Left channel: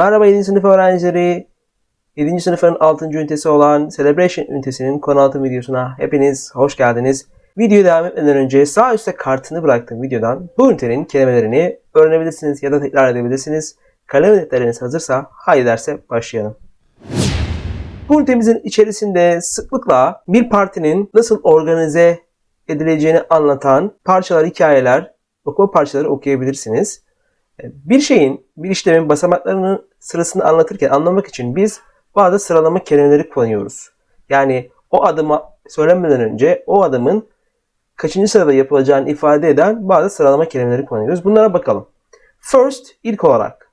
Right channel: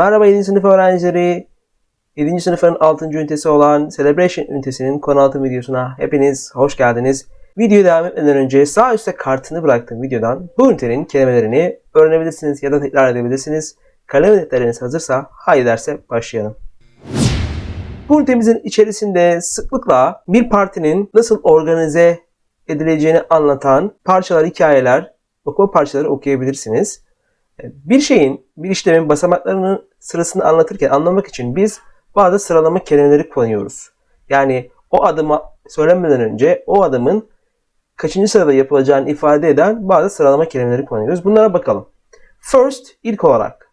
Merhaba 7. sınıf öğrencileri. 7. sınıfın 6. ünitesi olan Celebration ünitesinin konu altı videosuna hepiniz hoş geldiniz. Videoya devam etmeden önce sağ üstte kartını bıraktığım videodan bu ünitenin kelimelerini öğrenebilirsiniz ya da tekrar edebilirsiniz. Kalem netleriniz hazırsa haydi derse başlayalım. Bu ünitemizin içerisinde sıklıkla bir partinin nasıl organize edileceğini anlatan parçalar, hikayeler, okuma parçaları okuyabilirsiniz. Bir şeyin, bir işlemin basamaklarını sırasını anlatırken anlamak için biz bazı sıralama kelimeleri kullanıyoruz. Yani o adıma söylenmeden önce o adımın kaçıncı sırada yapılacağını ifade eden bazı sıralama kelimeleri kullanıyoruz. Bunlara bakalım. First, ilk olarak.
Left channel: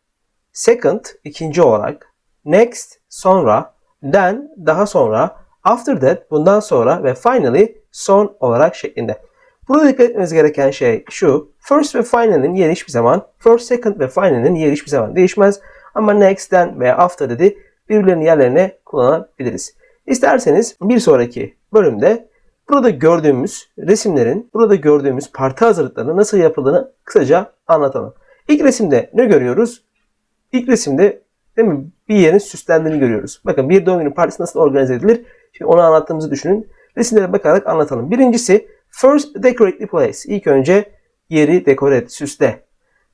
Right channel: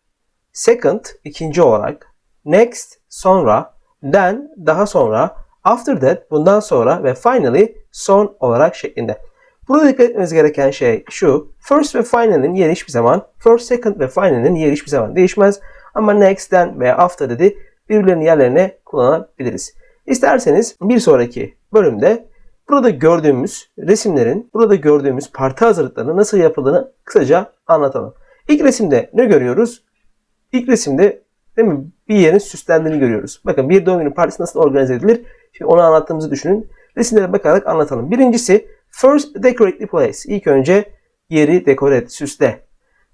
Second, ikinci olarak. Next, sonra. Then, daha sonra. After that, bundan sonra. Ve finally, son olarak şeklinde. Burada dikkat etmeniz gereken şey şu. First ve final'in yeri hiçbir zaman, first, second ve final'in yeri hiçbir zaman değişmez. Ama next, then ve after dedi birbirlerinin yerlerine kullanabiliriz. İsterseniz bir sonraki bölümde burada gördüğümüz resimlerin, burada gördüğümüz parti hazırlıklarının nasıl yapıldığını kısaca anlatalım. İlk resimde ne görüyoruz? İlk resimde değil mi, bir yerin süslendiğini görüyoruz. Bakın bir doğum günü partisi nasıl organize edilir? Şimdi onu anlattığımızı düşünün. Resimlere bakarak anlatalım. Birincisi first decorate the place. İlk önce yeri dekore et, süsle.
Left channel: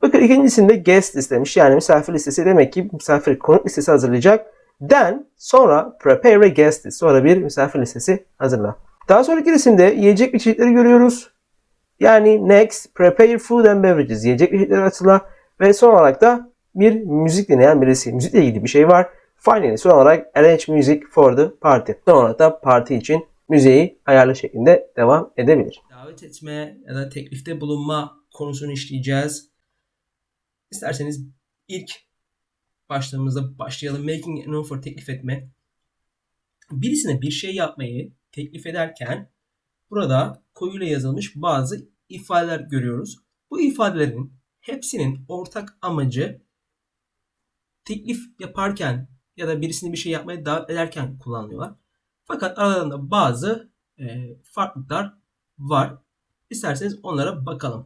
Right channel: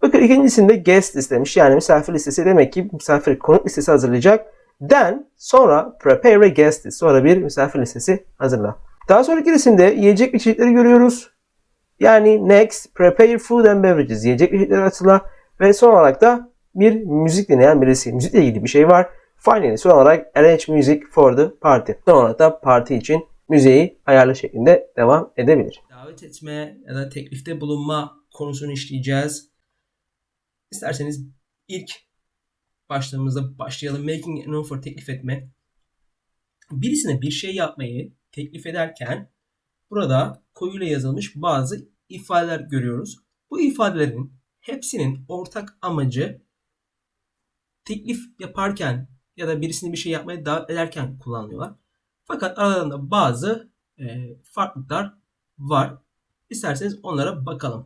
Bakın ikincisinde guest istemiş. Yani misafir listesi demek ki misafir konuk listesi hazırlayacak. Then sonra prepare a guest. Sonra bir misafir listesi hazırla. Daha sonraki resimde yiyecek içecekleri görüyoruz. Yani next prepare food and beverages. Yiyecek içecekleri hazırla. Ve son olarak da bir müzik dinleyen birisi. Müzikle ilgili bir şey var. Finally son olarak arrange music for the party. Son olarak da parti için müziği ayarlı şeklinde devam edebilir. davet etme ya da teklifte bulunma konusunu işleyeceğiz. İsterseniz ilk başlığımızda başlayalım. Making an offer teklif etme. Birisine bir şey yapmayı teklif ederken burada koyuyla yazılmış bazı ifadeler görüyoruz. Bu ifadelerin hepsinin ortak amacı teklif yaparken ya da birisini bir şey yapmaya davet ederken kullanıyorlar. Fakat aralarında bazı e, farklılıklar var. İsterseniz onlara bakalım.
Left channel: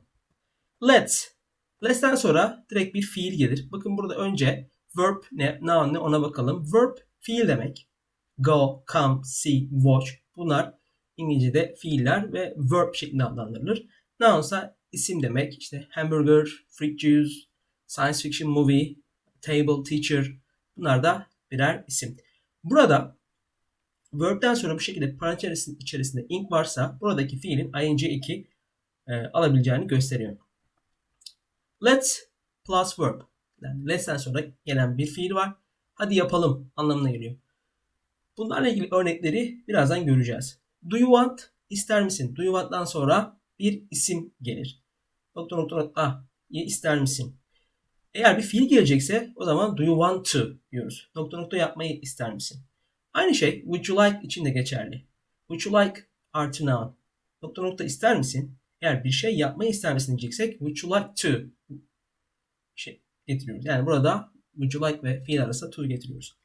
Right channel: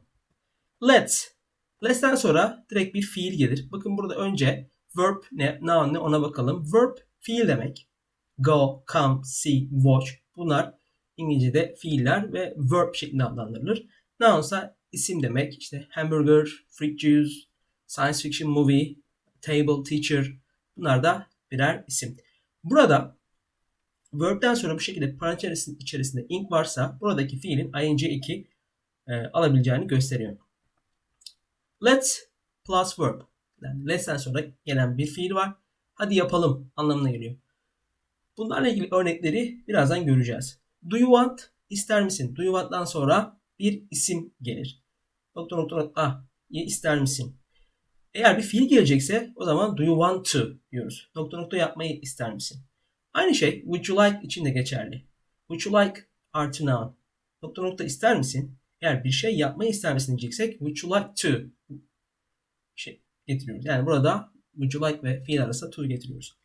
Let's. Let's'ten sonra direkt bir fiil gelir. Bakın burada önce verb ne, noun ne ona bakalım. Verb fiil demek. Go, come, see, watch. Bunlar İngilizce'de fiiller ve verb şeklinde adlandırılır. Noun ise isim demek. İşte hamburger, fruit juice, science fiction movie, table, teacher. Bunlar da birer isim. Burada verb'den sonra bu şekilde parantez içerisinde ing varsa buradaki fiilin ing2 e, alabileceğini gösteriyor. Let's plus verb. Yani let'ten sonra gelen bir fiil var. Hadi yapalım anlamına geliyor. Bunlarla ilgili örnekleri birazdan göreceğiz. Do you want? İster misin? Do you want'tan sonra bir isim gelir. Nokta nokta nokta. ister misin? Eğer bir fiil gelecekse o zaman do you want to diyoruz. Nokta nokta yapmayı ister misin? Aynı şey would you like için de geçerli. Would you like artı noun. Nokta nokta ister misin? Eğer bir şey yapmayı ister diyeceksek would you like to şey getiriyoruz. Yani burada would you like ve fiil arasında to getiriyoruz.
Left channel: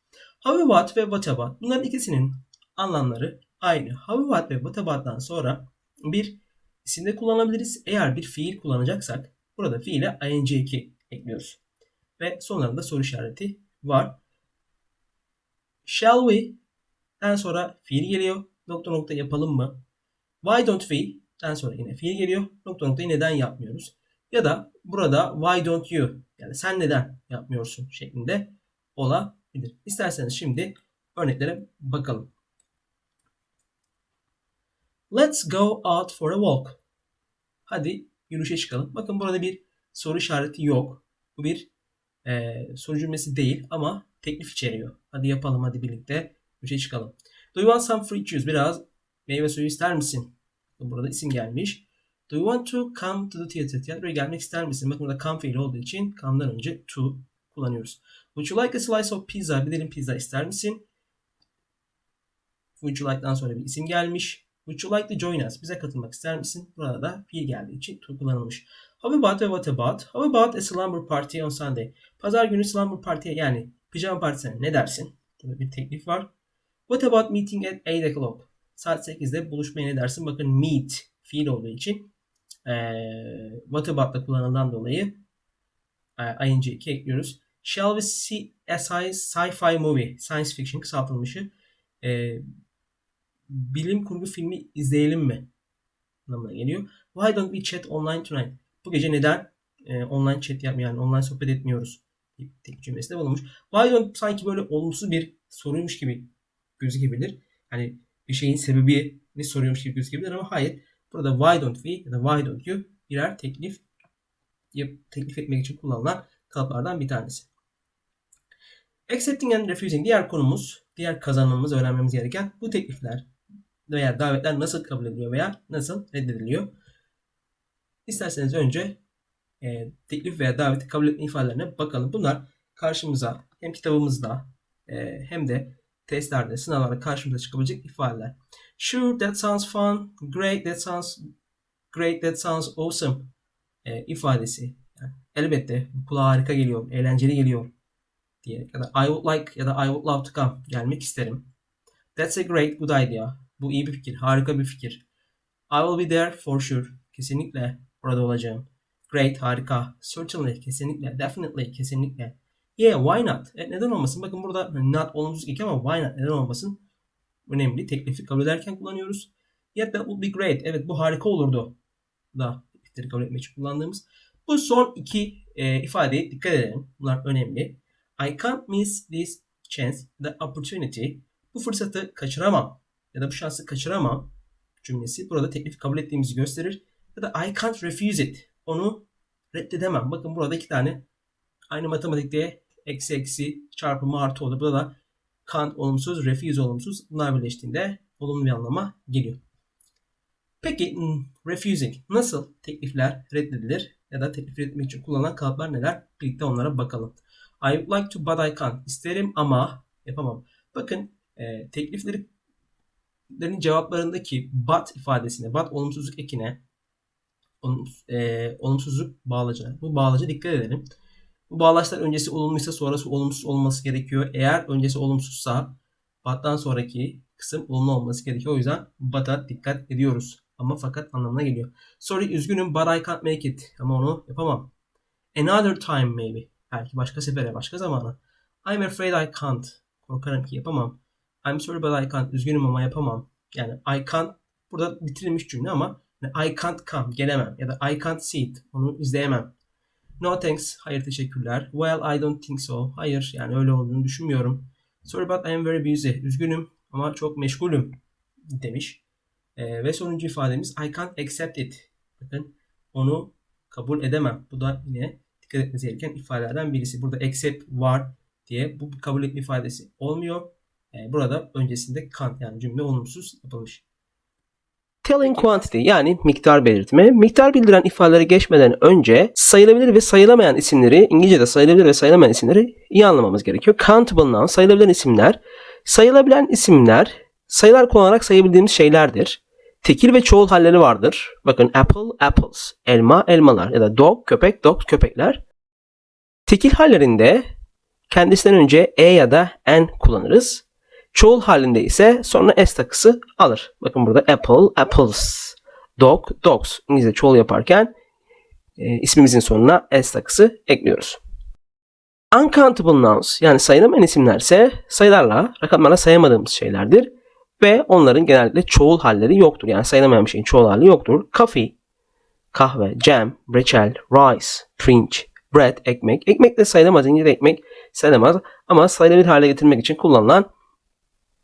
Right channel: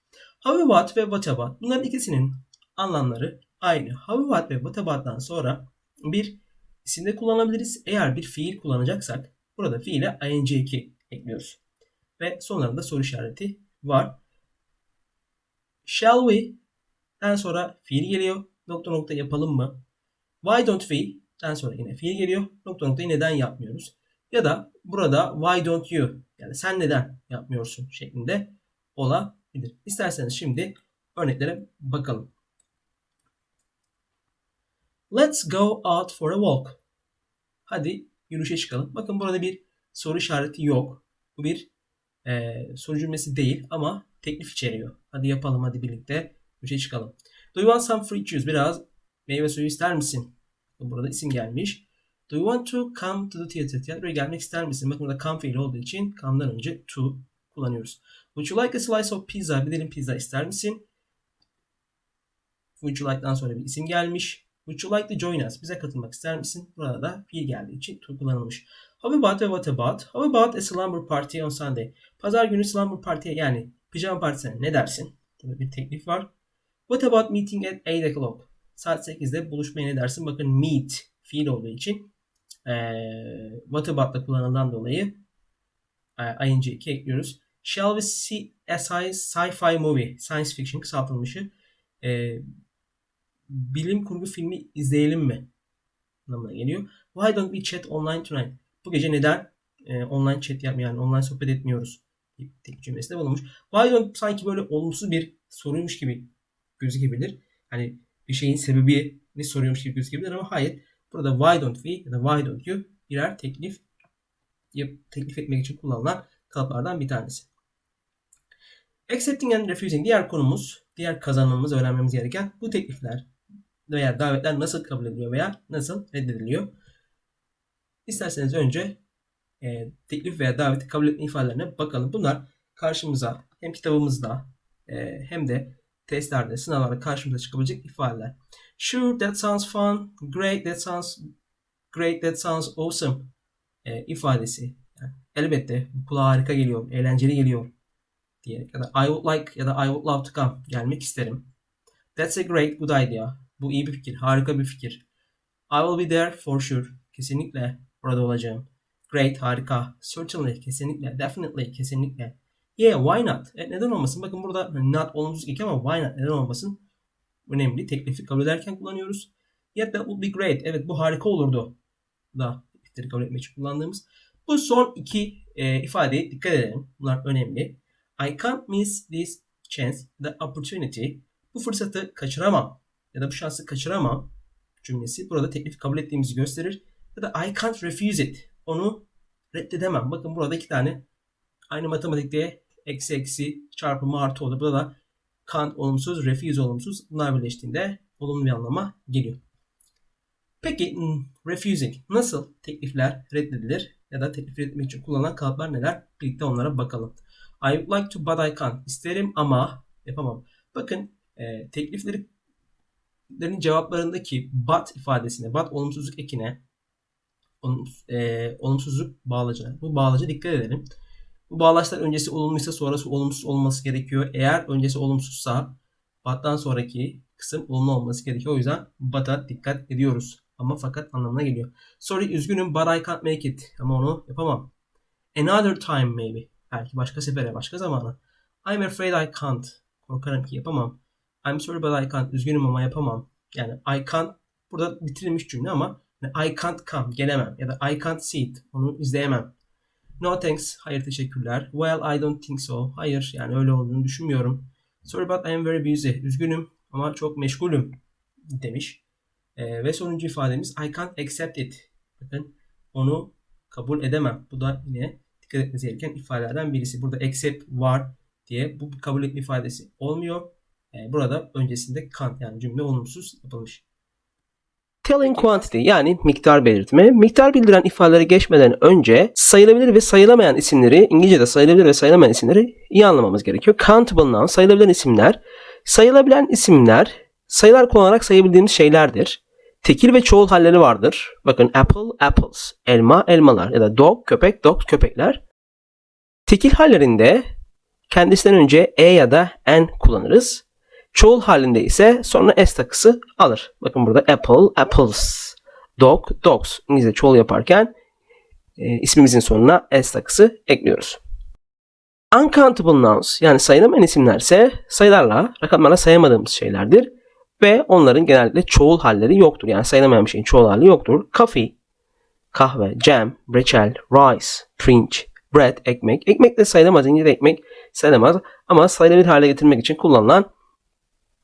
How about ve what about. Bunların ikisinin anlamları aynı. How about ve what about'tan sonra bir isimde kullanabiliriz. Eğer bir fiil kullanacaksak burada fiile ing2 ekliyoruz. Ve sonlarında soru işareti var. Shall we? Den sonra fiil geliyor. Nokta nokta yapalım mı? Why don't we? Den sonra yine fiil geliyor. Nokta noktayı neden yapmıyoruz? Ya da burada why don't you? Yani sen neden yapmıyorsun şeklinde olabilir. İsterseniz şimdi örneklere bakalım. Let's go out for a walk. Hadi yürüyüşe çıkalım. Bakın burada bir soru işareti yok. Bu bir e, soru cümlesi değil ama teklif içeriyor. Hadi yapalım hadi birlikte yürüyüşe çıkalım. Do you want some fruit juice? Biraz meyve suyu ister misin? Burada isim gelmiş. Do you want to come to the theater? Tiyatroya gelmek ister misin? Bakın burada come fiili olduğu için come'dan önce to kullanıyoruz. Would you like a slice of pizza? Bir dilim pizza ister misin? Would you like'dan sonra bir isim gelmiş. Would you like to join us? Bize katılmak ister misin? Burada da fiil geldiği için to kullanılmış. How about ve what about? How about a slumber party on Sunday? Pazar günü slumber party yani pijama partisine ne dersin? Tabii bir teklif var. What about meeting at 8 o'clock? Saat 8'de buluşmaya ne dersin? Bakın meet fiil olduğu için ee, what about'la kullanılan dolayı e, ing2 ekliyoruz. Shall we see a sci-fi movie? Science fiction kısaltılmışı. Ee, bilim kurgu filmi izleyelim mi? Anlamına geliyor. Why don't we chat online tonight? Bu gece neden e, online chat yapmayalım, online sohbet etmiyoruz? Tek cümlesinde bulunmuş. Don't sanki böyle olumsuz bir soruymuş gibi gözükebilir. Hani bir şeyin sebebini soruyormuş gibi gözükebilir ama hayır. Burada why don't we ya da why don't you birer teklif teklif etmek için kullanılan kalıplardan bir tanesi. Accepting and refusing diğer konumuz, diğer kazanmamız, öğrenmemiz gereken bu teklifler veya davetler nasıl kabul ediliyor veya nasıl reddediliyor. İsterseniz önce e, teklif veya daveti kabul etme ifadelerine bakalım. Bunlar karşımıza hem kitabımızda e, hem de testlerde, sınavlarda karşımıza çıkabilecek ifadeler. Sure, that sounds fun. Great, that sounds great, that sounds awesome e, ifadesi. Yani elbette kulağa harika geliyor, eğlenceli geliyor diye ya da I would like ya da I would love to come gelmek isterim. That's a great good idea. Bu iyi bir fikir, harika bir fikir. I will be there for sure. Kesinlikle orada olacağım. Great, harika. Certainly, kesinlikle. Definitely, kesinlikle. Yeah, why not? E, neden olmasın? Bakın burada hani not olumsuz ilk ama why not? Neden olmasın? Önemli. Teklifi kabul ederken kullanıyoruz. Yeah, that would be great. Evet, bu harika olurdu. Da teklifleri kabul etmek için kullandığımız. Bu son iki e, ifadeye dikkat edelim. Bunlar önemli. I can't miss this chance, the opportunity. Bu fırsatı kaçıramam ya da bu şansı kaçıramam cümlesi burada teklif kabul ettiğimizi gösterir. Ya da I can't refuse it. Onu reddedemem. Bakın burada iki tane aynı matematikte eksi eksi çarpımı artı oldu. Burada da can't olumsuz, refuse olumsuz. Bunlar birleştiğinde olumlu bir anlama geliyor. Peki hmm, refusing nasıl teklifler reddedilir ya da teklif etmek için kullanılan kalıplar neler? Birlikte onlara bakalım. I would like to but I can't. İsterim ama yapamam. Bakın e, teklifleri lerin cevaplarındaki but ifadesine, but olumsuzluk ekine olumsuz, e, olumsuzluk bağlacı. Bu bağlaca dikkat edelim. Bu bağlaçlar öncesi olumluysa sonrası olumsuz olması gerekiyor. Eğer öncesi olumsuzsa but'tan sonraki kısım olumlu olması gerekiyor. O yüzden but'a dikkat ediyoruz. Ama fakat anlamına geliyor. Sorry üzgünüm but I can't make it. Ama onu yapamam. Another time maybe. Belki başka sefere, başka zamana. I'm afraid I can't. Korkarım ki yapamam. I'm sorry but I can't. Üzgünüm ama yapamam. Yani I can't burada bitirilmiş cümle ama I can't come. Gelemem. Ya da I can't see it. Onu izleyemem. No thanks. Hayır teşekkürler. Well I don't think so. Hayır yani öyle olduğunu düşünmüyorum. Sorry but I am very busy. Üzgünüm ama çok meşgulüm demiş. Ee, ve sonuncu ifademiz I can't accept it. Bakın onu kabul edemem. Bu da yine dikkat etmesi gereken ifadelerden birisi. Burada accept var diye bu kabul etme ifadesi olmuyor. Ee, burada öncesinde can't yani cümle olumsuz yapılmış. Telling quantity yani miktar belirtme. Miktar bildiren ifadeleri geçmeden önce sayılabilir ve sayılamayan isimleri İngilizce'de sayılabilir ve sayılamayan isimleri iyi anlamamız gerekiyor. Countable noun sayılabilir isimler. Sayılabilen isimler sayılar kullanarak sayabildiğimiz şeylerdir. Tekil ve çoğul halleri vardır. Bakın apple, apples, elma, elmalar ya da dog, köpek, dogs, köpekler. Tekil hallerinde kendisinden önce e ya da n kullanırız. Çoğul halinde ise sonra s takısı alır. Bakın burada apple, apples, dog, dogs. İngilizce çoğul yaparken e, ismimizin sonuna s takısı ekliyoruz. Uncountable nouns yani sayılamayan isimler ise sayılarla, rakamlarla sayamadığımız şeylerdir. Ve onların genellikle çoğul halleri yoktur. Yani sayılamayan bir şeyin çoğul hali yoktur. Coffee, kahve, jam, reçel, rice, pirinç, bread, ekmek. Ekmek de sayılamaz. İngilizce ekmek sayılamaz. Ama sayılabilir hale getirmek için kullanılan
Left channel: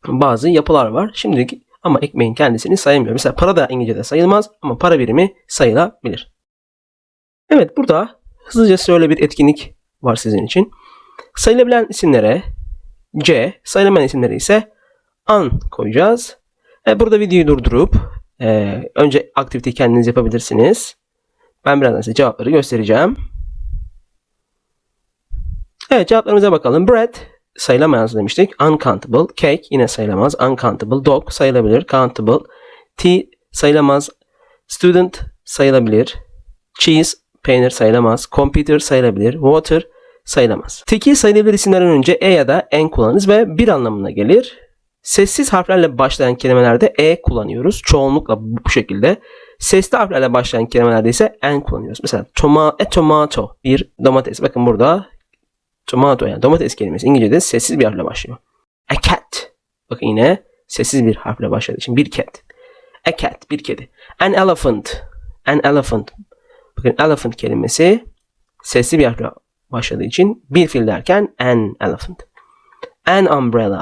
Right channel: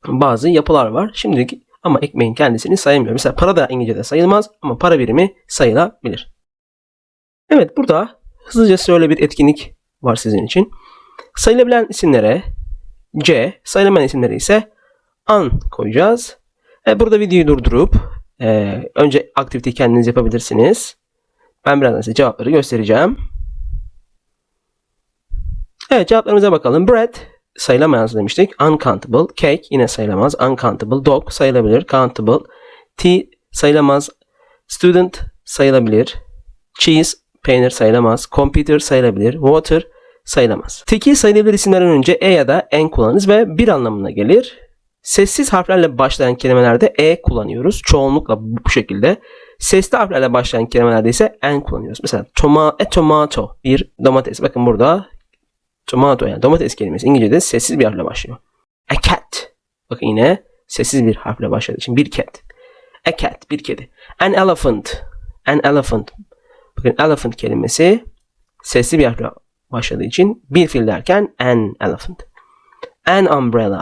bazı yapılar var. Şimdilik ama ekmeğin kendisini sayamıyorum. Mesela para da İngilizce'de sayılmaz ama para birimi sayılabilir. Evet burada hızlıca şöyle bir etkinlik var sizin için. Sayılabilen isimlere C, sayılamayan isimlere ise an koyacağız. E, burada videoyu durdurup e, önce aktivite kendiniz yapabilirsiniz. Ben birazdan size cevapları göstereceğim. Evet cevaplarımıza bakalım. Bread sayılamaz demiştik. Uncountable. Cake yine sayılamaz. Uncountable. Dog sayılabilir. Countable. Tea sayılamaz. Student sayılabilir. Cheese peynir sayılamaz. Computer sayılabilir. Water sayılamaz. Tekil sayılabilir isimlerden önce e ya da n kullanırız ve bir anlamına gelir. Sessiz harflerle başlayan kelimelerde e kullanıyoruz. Çoğunlukla bu şekilde. Sesli harflerle başlayan kelimelerde ise n kullanıyoruz. Mesela toma, a tomato bir domates. Bakın burada Tomato yani domates kelimesi İngilizce'de sessiz bir harfle başlıyor. A cat. Bakın yine sessiz bir harfle başladığı için bir cat. A cat bir kedi. An elephant. An elephant. Bakın elephant kelimesi sesli bir harfle başladığı için bir fil derken an elephant. An umbrella.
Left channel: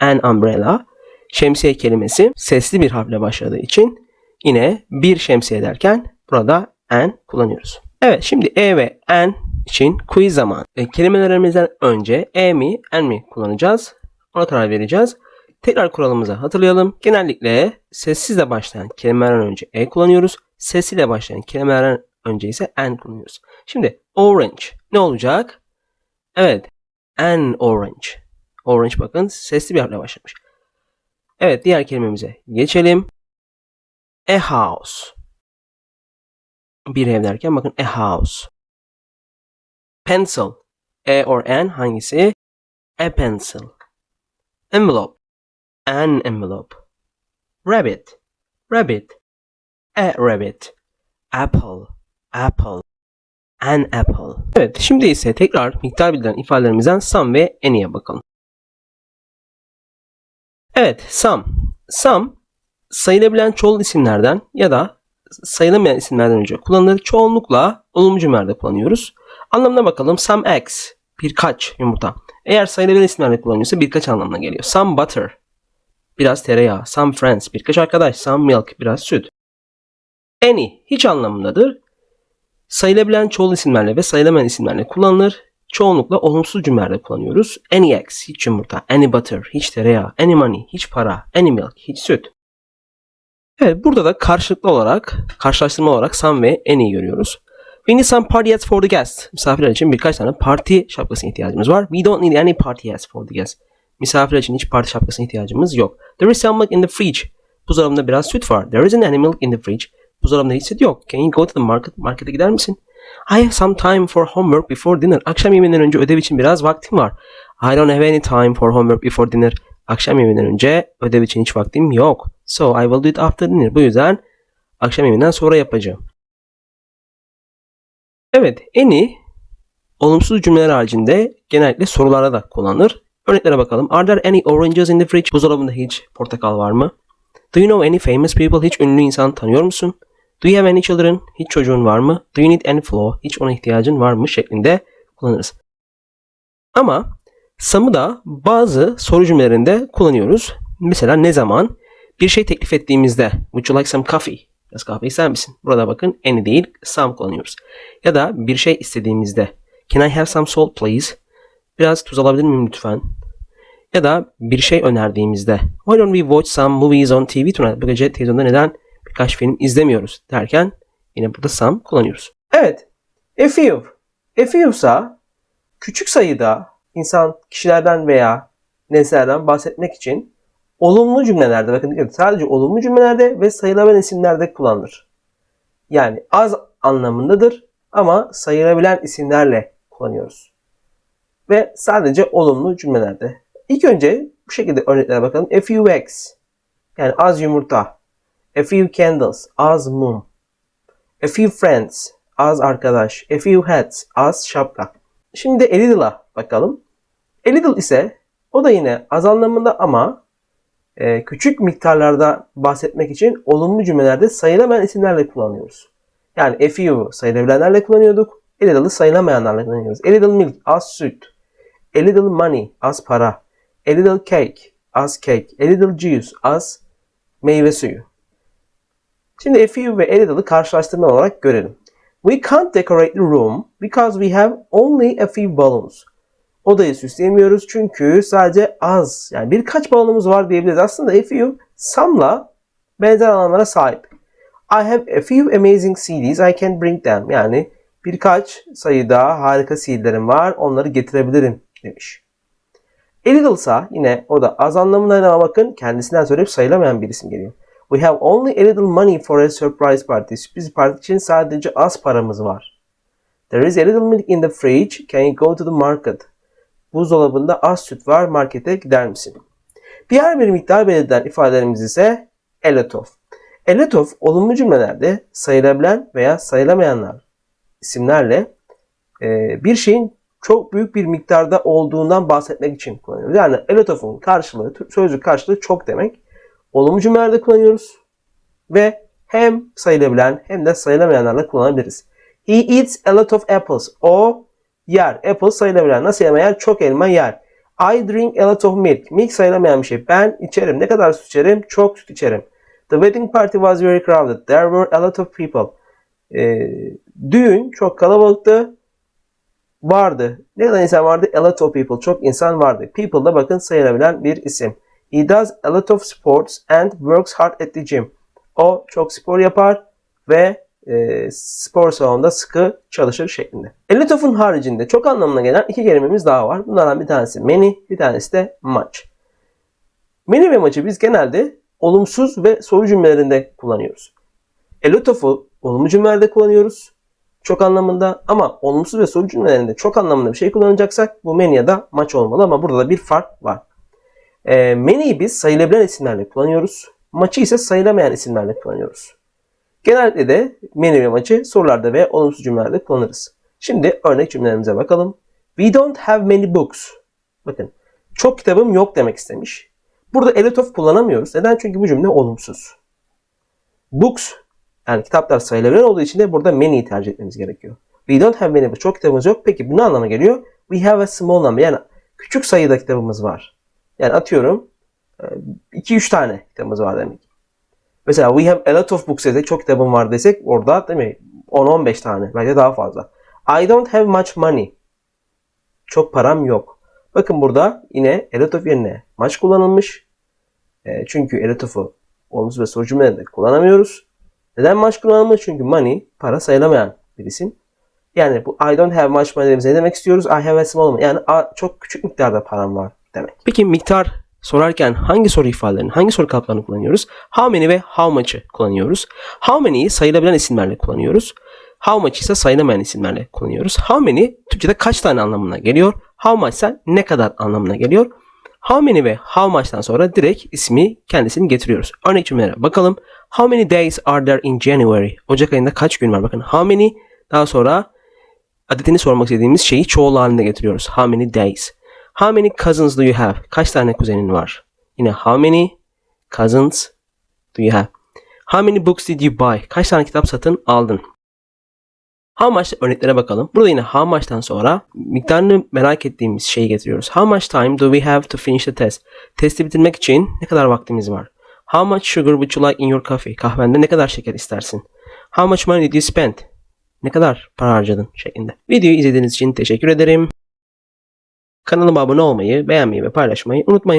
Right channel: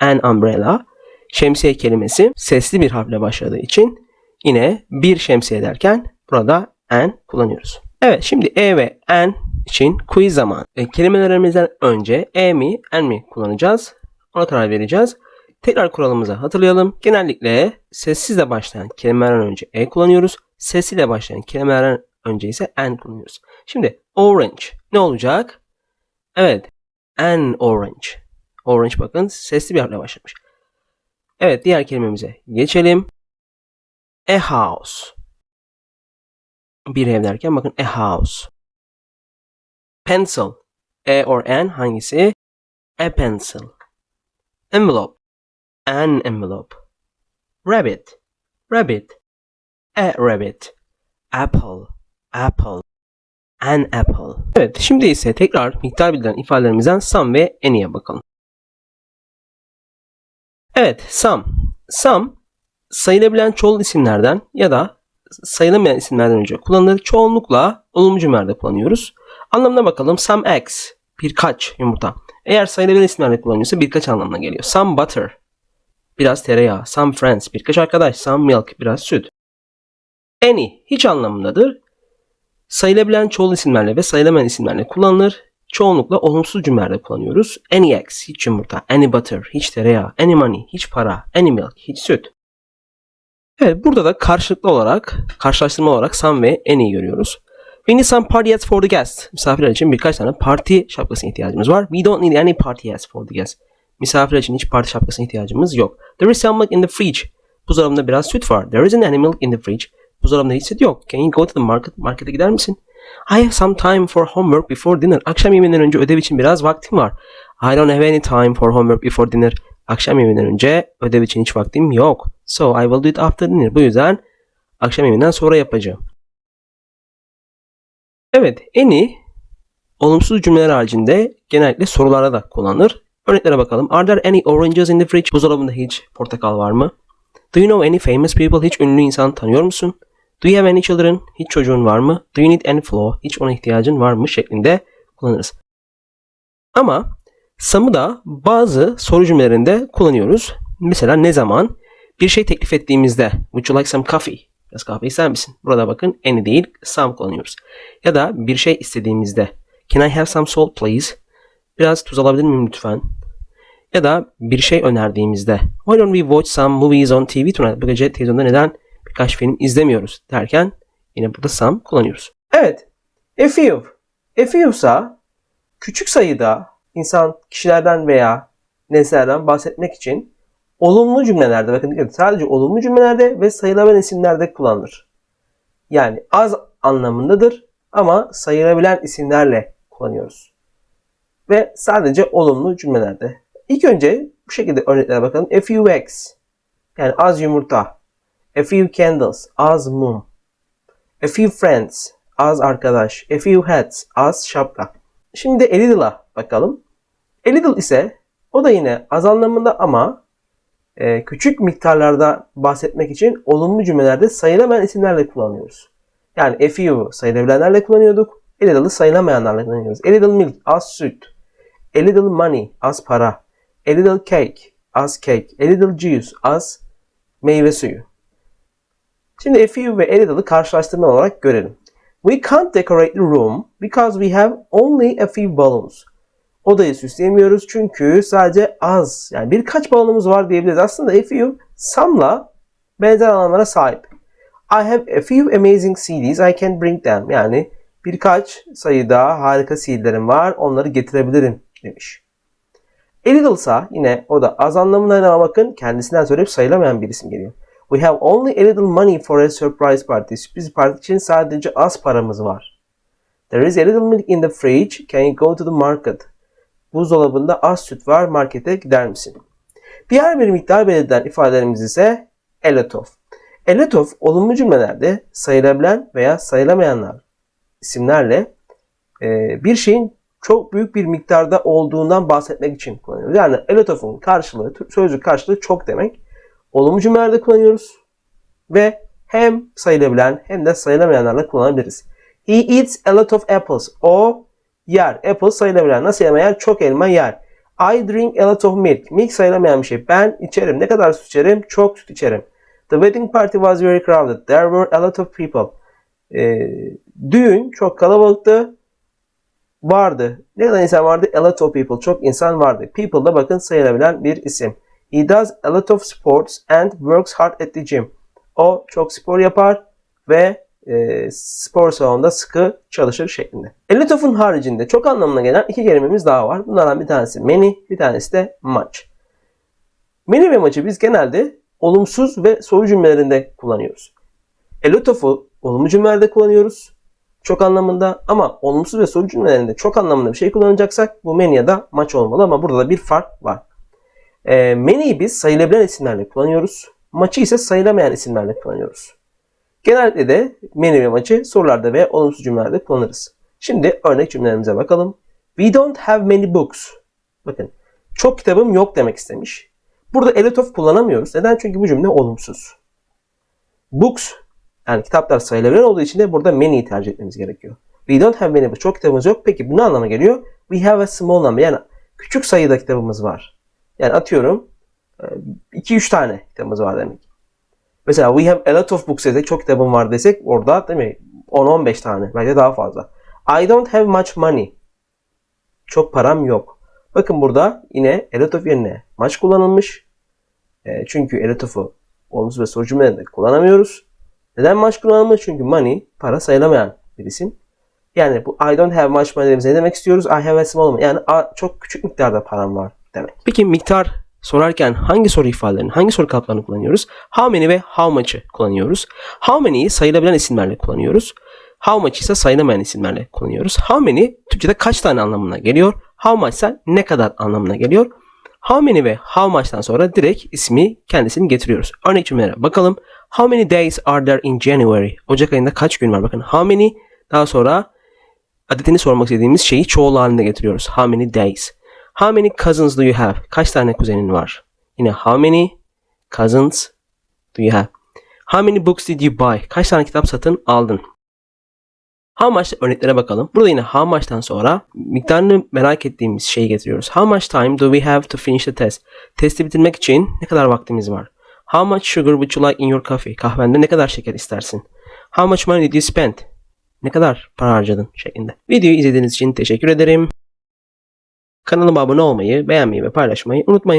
An umbrella. Şemsiye kelimesi sesli bir harfle başladığı için yine bir şemsiye derken burada an kullanıyoruz. Evet şimdi e ve an için quiz zaman. E, kelimelerimizden önce e mi an mi kullanacağız? Ona karar vereceğiz. Tekrar kuralımızı hatırlayalım. Genellikle sessizle başlayan kelimelerden önce e kullanıyoruz. Sessiyle başlayan kelimelerden önce ise an kullanıyoruz. Şimdi orange ne olacak? Evet. An orange. Orange bakın sesli bir harfle başlamış. Evet diğer kelimemize geçelim. A house. Bir ev derken bakın a house. Pencil. A or an hangisi? A pencil. Envelope. An envelope. Rabbit. Rabbit. A rabbit. Apple. Apple. An apple. Evet şimdi ise tekrar miktar bildiren ifadelerimizden some ve any'e bakalım. Evet some. Some sayılabilen çoğul isimlerden ya da sayılamayan isimlerden önce kullanılan çoğunlukla olumlu cümlelerde kullanıyoruz. Anlamına bakalım. Some eggs. Birkaç yumurta. Eğer sayılabilen isimlerle kullanıyorsa birkaç anlamına geliyor. Some butter. Biraz tereyağı. Some friends. Birkaç arkadaş. Some milk. Biraz süt. Any. Hiç anlamındadır. Sayılabilen çoğul isimlerle ve sayılamayan isimlerle kullanılır. Çoğunlukla olumsuz cümlelerde kullanıyoruz. Any eggs. Hiç yumurta. Any butter. Hiç tereyağı. Any money. Hiç para. Any milk. Hiç süt. Evet burada da karşılıklı olarak, karşılaştırma olarak some ve any görüyoruz. We need some party hats for the guests. Misafirler için birkaç tane parti şapkası ihtiyacımız var. We don't need any party hats for the guests. Misafirler için hiç parti şapkasına ihtiyacımız yok. There is some milk in the fridge. Buzdolabında biraz süt var. There isn't any milk in the fridge. Buzdolabında hiç süt yok. Can you go to the market? Markete gider misin? I have some time for homework before dinner. Akşam yemeğinden önce ödev için biraz vaktim var. I don't have any time for homework before dinner. Akşam yemeğinden önce ödev için hiç vaktim yok. So I will do it after dinner. Bu yüzden akşam yemeğinden sonra yapacağım. Evet, any olumsuz cümleler haricinde genellikle sorularda da kullanılır. Örneklere bakalım. Are there any oranges in the fridge? Buzdolabında hiç portakal var mı? Do you know any famous people? Hiç ünlü insan tanıyor musun? Do you have any children? Hiç çocuğun var mı? Do you need any flour? Hiç ona ihtiyacın var mı? şeklinde kullanırız. Ama some'ı da bazı soru cümlelerinde kullanıyoruz. Mesela ne zaman? Bir şey teklif ettiğimizde Would you like some coffee? Biraz kahve ister misin? Burada bakın any değil some kullanıyoruz. Ya da bir şey istediğimizde Can I have some salt please? Biraz tuz alabilir miyim lütfen? Ya da bir şey önerdiğimizde Why don't we watch some movies on TV tonight? Bu gece televizyonda neden birkaç film izlemiyoruz derken yine burada some kullanıyoruz. Evet. A few. A few ise küçük sayıda insan, kişilerden veya nesnelerden bahsetmek için olumlu cümlelerde bakın dikkat sadece olumlu cümlelerde ve sayılabilen isimlerde kullanılır. Yani az anlamındadır ama sayılabilen isimlerle kullanıyoruz. Ve sadece olumlu cümlelerde. İlk önce bu şekilde örneklere bakalım. A few eggs. Yani az yumurta. A few candles. Az mum. A few friends. Az arkadaş. A few hats. Az şapka. Şimdi a little'a bakalım. A little ise o da yine az anlamında ama e, küçük miktarlarda bahsetmek için olumlu cümlelerde sayılamayan isimlerle kullanıyoruz. Yani a few sayılabilenlerle kullanıyorduk. A little'ı sayılamayanlarla kullanıyoruz. A little milk, az süt. A little money, az para. A little cake, az cake. A little juice, az meyve suyu. Şimdi a few ve a little'ı karşılaştırma olarak görelim. We can't decorate the room because we have only a few balloons. Odayı süsleyemiyoruz çünkü sadece az yani birkaç balonumuz var diyebiliriz. Aslında a few some'la benzer anlamlara sahip. I have a few amazing CDs I can bring them. Yani birkaç sayıda harika CD'lerim var onları getirebilirim demiş. A little'sa yine o da az anlamına ama bakın kendisinden sonra sayılamayan bir isim geliyor. We have only a little money for a surprise party. Sürpriz parti için sadece az paramız var. There is a little milk in the fridge. Can you go to the market? Buzdolabında az süt var. Markete gider misin? Diğer bir miktar belirtilen ifadelerimiz ise a lot of. A lot of olumlu cümlelerde sayılabilen veya sayılamayanlar isimlerle e, bir şeyin çok büyük bir miktarda olduğundan bahsetmek için kullanıyoruz. Yani a lot of'un karşılığı, sözcük karşılığı çok demek. Olumlu cümlelerde kullanıyoruz. Ve hem sayılabilen hem de sayılamayanlarla kullanabiliriz. He eats a lot of apples. O yer. Apple sayılabilen, nasıl sayılamayan çok elma yer. I drink a lot of milk. Milk sayılamayan bir şey. Ben içerim. Ne kadar süt içerim? Çok süt içerim. The wedding party was very crowded. There were a lot of people. Ee, düğün çok kalabalıktı. Vardı. Ne kadar insan vardı? A lot of people. Çok insan vardı. People da bakın sayılabilen bir isim. He does a lot of sports and works hard at the gym. O çok spor yapar ve e, spor salonunda sıkı çalışır şeklinde. A lot of'un haricinde çok anlamına gelen iki kelimemiz daha var. Bunlardan bir tanesi many, bir tanesi de much. Many ve much'ı biz genelde olumsuz ve soru cümlelerinde kullanıyoruz. A lot of'u olumlu cümlelerde kullanıyoruz. Çok anlamında ama olumsuz ve soru cümlelerinde çok anlamında bir şey kullanacaksak bu many ya da much olmalı ama burada da bir fark var. E, many'yi biz sayılabilen isimlerle kullanıyoruz. Much'ı ise sayılamayan isimlerle kullanıyoruz. Genellikle de ve much'ı sorularda ve olumsuz cümlelerde kullanırız. Şimdi örnek cümlelerimize bakalım. We don't have many books. Bakın çok kitabım yok demek istemiş. Burada a of kullanamıyoruz. Neden? Çünkü bu cümle olumsuz. Books yani kitaplar sayılabilen olduğu için de burada many'yi tercih etmemiz gerekiyor. We don't have many books. Çok kitabımız yok. Peki bu ne anlama geliyor? We have a small number. Yani küçük sayıda kitabımız var. Yani atıyorum 2-3 tane kitabımız var demek. Mesela we have a lot of books desek çok kitabım var desek orada değil mi? 10-15 tane. Bence daha fazla. I don't have much money. Çok param yok. Bakın burada yine a lot of yerine much kullanılmış. E, çünkü a lot of'u olumsuz ve soru cümlelerinde kullanamıyoruz. Neden much kullanılmış? Çünkü money para sayılamayan bir isim. Yani bu I don't have much money ne demek istiyoruz? I have a small money. Yani çok küçük miktarda param var demek. Peki miktar sorarken hangi soru ifadelerini, hangi soru kaplarını kullanıyoruz? How many ve how much'ı kullanıyoruz. How many'yi sayılabilen isimlerle kullanıyoruz. How much ise sayılamayan isimlerle kullanıyoruz. How many Türkçe'de kaç tane anlamına geliyor. How much ise ne kadar anlamına geliyor. How many ve how much'tan sonra direkt ismi kendisini getiriyoruz. Örnek cümlelere bakalım. How many days are there in January? Ocak ayında kaç gün var? Bakın how many daha sonra adetini sormak istediğimiz şeyi çoğul halinde getiriyoruz. How many days? How many cousins do you have? Kaç tane kuzenin var? Yine how many cousins do you have? How many books did you buy? Kaç tane kitap satın aldın? How much örneklere bakalım. Burada yine how much'tan sonra miktarını merak ettiğimiz şeyi getiriyoruz. How much time do we have to finish the test? Testi bitirmek için ne kadar vaktimiz var? How much sugar would you like in your coffee? Kahvende ne kadar şeker istersin? How much money did you spend? Ne kadar para harcadın şeklinde. Videoyu izlediğiniz için teşekkür ederim. Kanalıma abone olmayı, beğenmeyi ve paylaşmayı unutmayın.